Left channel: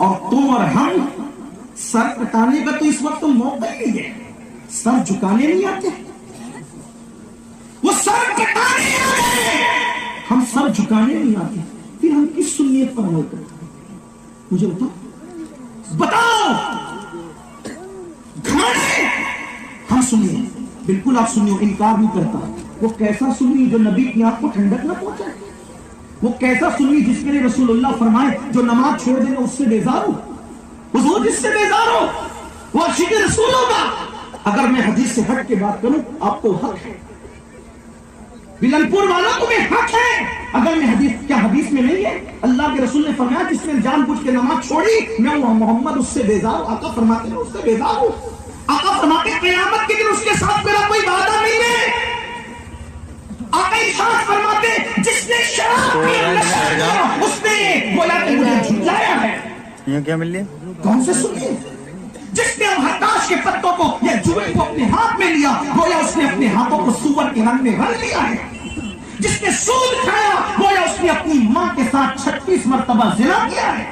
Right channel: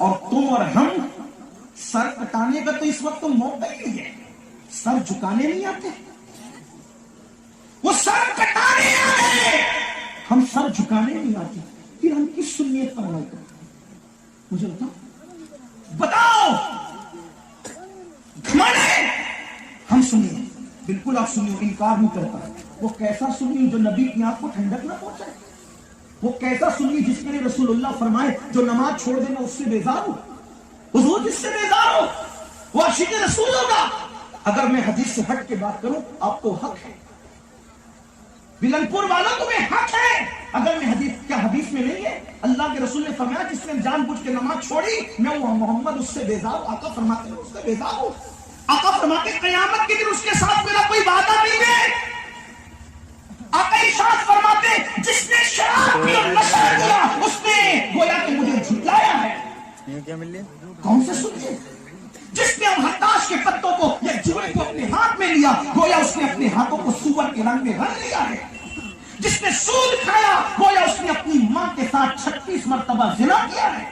اور تم اور ہم سر کٹانے کا تو اس وقت موقع ہی نہیں ہے. سر جھکانے نہیں آتے, وہ سر کٹانے آتے, ہم سر جھکانے نہیں آتے. پھر ہم کس سنیت پر عمل کرتے ہیں؟ مجھے بتاؤ. گھمنڈ ہم سنیے, بالکل آپ سنیے, انکار نہیں کرتا. وہ کیسا سنی جو نبی کی آنکھ کو ٹھنڈک نہ پہنچائے؟ وہ کیسا سنی جس کے لیے رسول اللہ فرمائے جو نماز چھوڑ دے گا اس سے بیزار ہو, حضور جس سے بیزار ہو وہ عاشق رسول ہوگا. اگر میں حدیث سے ہٹ کے بات کروں, آپ کو حق ہے, بلن پور والوں تمہیں حق ہے. اگر میں حدیث میں نہیں ہے, اللہ کے رسول نے فرمایا جس نے جان بوجھ کے نماز چھوڑی میں محمد اس سے بیزار ہوں. آقا فرماتے ہیں اس سے بیزار ہوں. آقا فرماتے قیامت کے دن اس کے ساتھ میرا کوئی وعدہ نہیں ہے. آقا ارشاد فرماتے جس نے شراب پی اللہ اس نے گویا کہ مجھے جھٹلایا ہے. یہ کیا مل لیا؟ کون سے سنیے؟ جس نے ہتاش کے پتوں کو یا جوئے کو اپنے ہاتھ میں لیا گویا اس نے اپنے ہاتھوں کو سور کے رنگ میں رنگ لیا ہے. جس نے سود کھایا گویا اس نے اپنی ماں کے ساتھ 36 مرتبہ زنا کیا ہے.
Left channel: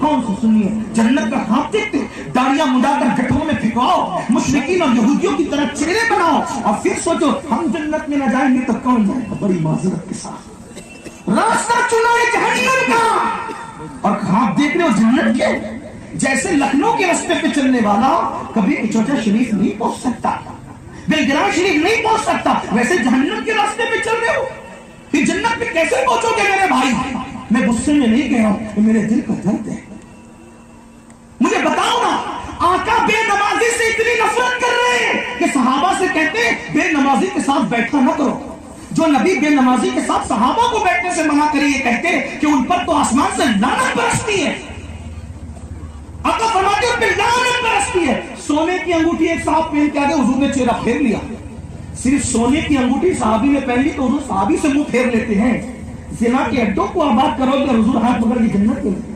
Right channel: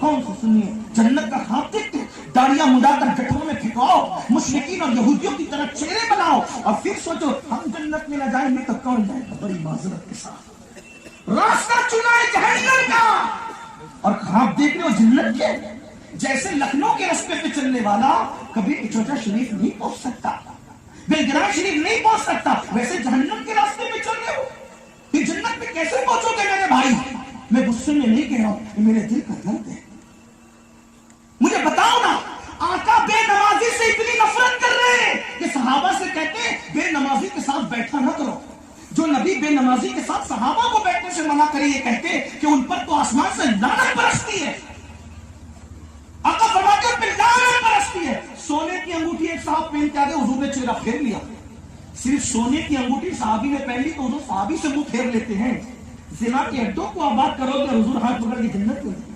کون سے سنیے؟ جنت کا خواب دیکھتے, داڑیاں مڈا کر گٹھوں میں پھینکاؤ, مشرکین اور یہودیوں کی طرح چہرے بناؤ اور پھر سوچو ہم جنت میں نہ جائیں گے تو کون جائے گا؟ بڑی معذرت کے ساتھ راستہ چنا ہے جہنم کا, اور خواب دیکھ رہے ہو جنت کے. جیسے لکھنؤ کے راستے پہ چلنے والا کبھی اچوچا شریف نہیں پہنچ سکتا, بلگرام شریف نہیں پہنچ سکتا, ویسے جہنم کے راستے پہ چل رہے ہو. پھر جنت میں کیسے پہنچو گے میرے بھائی؟ میں غصے میں نہیں کہہ رہا ہوں, میرے دل کا درد ہے. مجھے بتاؤ نا, آقا بے نمازی سے اتنی نفرت کر رہے ہیں کہ صحابہ سے کہتے ہیں بے نمازی کے ساتھ بیٹھا نہ کرو. جو نبی بے نمازی کے ساتھ صحابہ کو بیٹھنے سے منع کرے یہ کہتے کہ ان پر تو آسمان سے لعنت برستی ہے. آقا فرماتے ہیں لعنت برستی ہے. سونے کی انگوٹھی ایک صاحب پہن کے آگے حضور نے چہرہ پھیر لیا. صرف سونے کی انگوٹھی صحابی نے پہن لی تو حضور صحابی سے منہ پھیر لیتے ہیں. زنا کے اڈوں کو آباد کرو گے حضور ہاتھ پکڑ کے جنت کے لیے.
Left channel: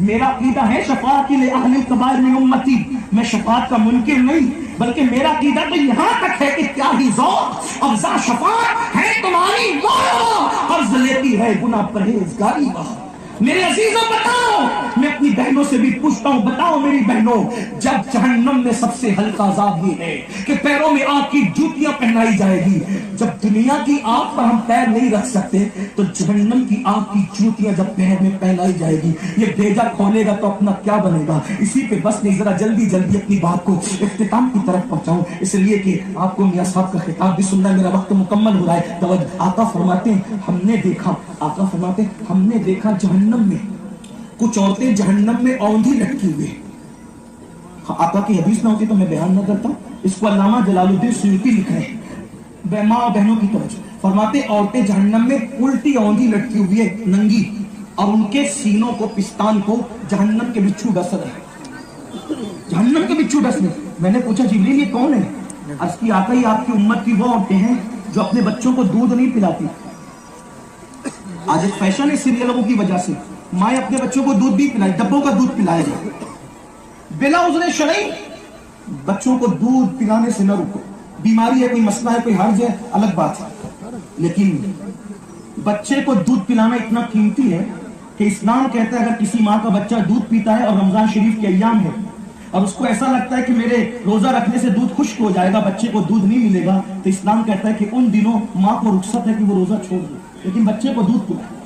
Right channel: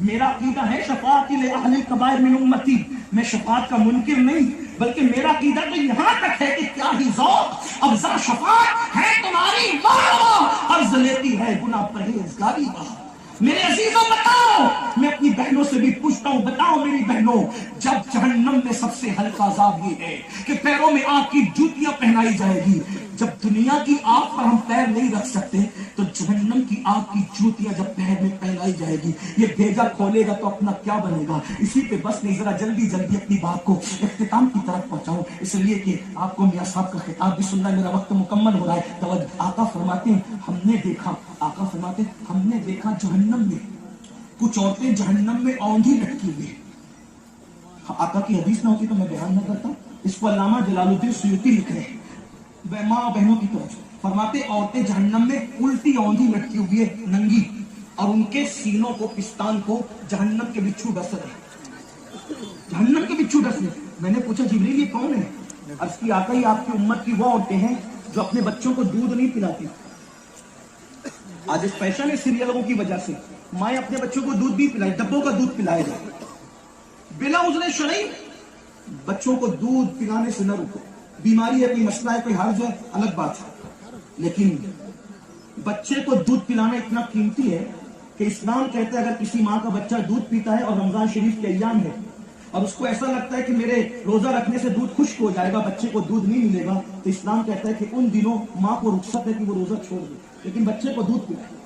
میرا عقیدہ ہے شفاعت لأہل الکبائر من امتی, میں شفاعت کا منکر نہیں, بلکہ میرا عقیدہ تو یہاں تک ہے کہ کیا ہی ذوق افزا شفاعت ہے تمہاری واہ, عرض لیتی ہے گناہ پرہیزگاری واہ. میرے عزیزوں بتاؤ, میں اپنی بہنوں سے بھی پوچھتا ہوں, بتاؤ میری بہنوں, جب جہنم میں سب سے ہلکا عذاب یہ ہے کہ پیروں میں آگ کی جوتیاں پہنائی جائے گی. جب دنیا کی آگ پر ہم پیر نہیں رکھ سکتے تو جہنم کی آگ کی جوتیاں جب پیر میں پہنائی جائے گی, یہ بھیجا کھولے گا تو اپنا کیا بنے گا. اسی پہ بس نہیں, ذرا جلدی جلدی اپنی بات کو اختتام کی طرف پہنچاؤں, اس لیے کہ آپ کو میاں صاحب کا خطاب بھی سننا, میرا وقت مکمل ہو رہا ہے. توجہ. آقا فرماتے ہیں ہم نے دیکھا, آقا فرماتے ہیں ہم نے دیکھا جہنم میں کچھ عورتیں جہنم میں اوندھی لٹکی ہوئی. آقا کی حدیث نہ ہوتی تو میں بیان نہ کرتا. اس کو علامہ جلال الدین سیوطی لکھ رہے ہیں. ماں اور بہنوں کی توجہ, فرماتے عورتیں جہنم میں الٹی اوندھی لٹکی ہوئی ہے ننگی, اور ان کے سینوں کو پستان کو جہنم کے بچھو ڈس رہے. جہنم کے بچھو ڈس رہے. میں نے پوچھا جبریل یہ کون ہے؟ عرض کی آقا ہی آپ کی امت کی وہ عورتیں ہیں جو اپنے بچوں کو دودھ نہیں پلاتی. آج ایک فیشن ہے سیریلوں کی وجہ سے, مائیں اپنے بچوں کو دودھ بھی پلائے, ڈبوں کا دودھ پلائے گا بلا عذر شرعی. بچوں کو دودھ پلانے سے نہ رکو, بیماری ہے, کوئی مسئلہ ہے, کوئی حرج ہے, الگ بات ہے, لیکن بچے کو دودھ پلانا اتنا قیمتی ہے کہ اسلام کہتا ہے اگر کسی ماں کا بچہ دودھ پیتا ہے اور رمضان شریف کے ایام ہے اور اس کو ایسا لگتا ہے کہ میرے روزہ رکھنے سے دودھ خشک ہو جائے گا, بچے کو دودھ نہیں ملے گا, تو اسلام کہتا ہے کہ ان دنوں ماں کو رخصت ہے کہ وہ روزہ چھوڑ دے, لیکن بچے کو دودھ پلائے.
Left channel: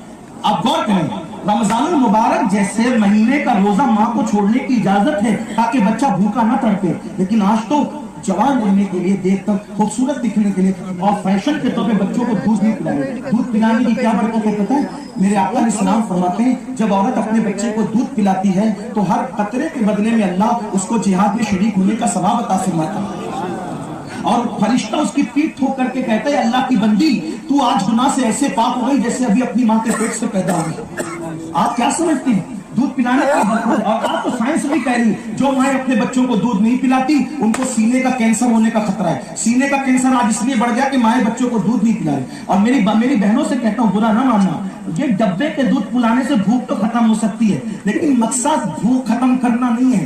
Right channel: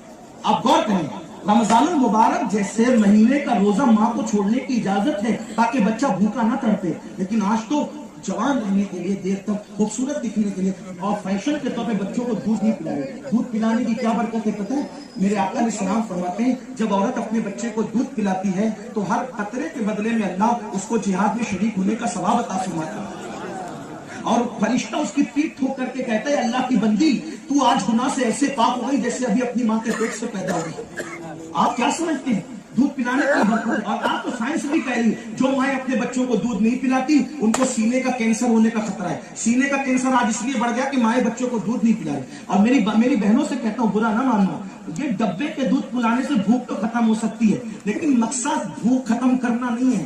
آپ غور کریں, رمضان المبارک جیسے مہینے کا روزہ ماں کو چھوڑنے کی اجازت ہے تاکہ بچہ بھوکا نہ تڑپے, لیکن آج تو جوان ہونے کے لیے, دیر تک خوبصورت دکھنے کے لیے اور فیشن کے طور پہ بچوں کو دودھ نہیں پلائے. دودھ پلانے کی کیا برکت ہے پتہ ہے؟ میرے آقا علیہ السلام فرماتے ہیں جب عورت اپنے بچے کو دودھ پلاتی ہے تو ہر قطرے کے بدلے میں اللہ اس کو جہاد میں شریک ہونے کا ثواب عطا فرماتا ہے, اور فرشتہ اس کی پیٹھ ٹھوک کر کے کہتا ہے اللہ کی بندی تو آج گناہ سے ایسے پاک ہو گئی جیسے ابھی اپنی ماں کے پیٹ سے پیدا ہوئی. آپ کیا سمجھتے ہیں دودھ پلانے کی برکت؟ اور آپ تو سائنس بھی کہہ رہی ہے جو مائیں اپنے بچوں کو دودھ نہیں پلاتی ان کو سینے کا کینسر ہونے کا خطرہ ہے. سینے کا کینسر آج اس لیے بڑھ گیا کہ مائیں بچوں کو دودھ نہیں پلا رہی. اور میری بہنوں سے کہتا ہوں برا نہ ماننا, یہ ڈبے کے دودھ پلانے سے بھوک تو ختم ہو سکتی ہے, لیکن مقصد بھوک ختم کرنا نہیں ہے,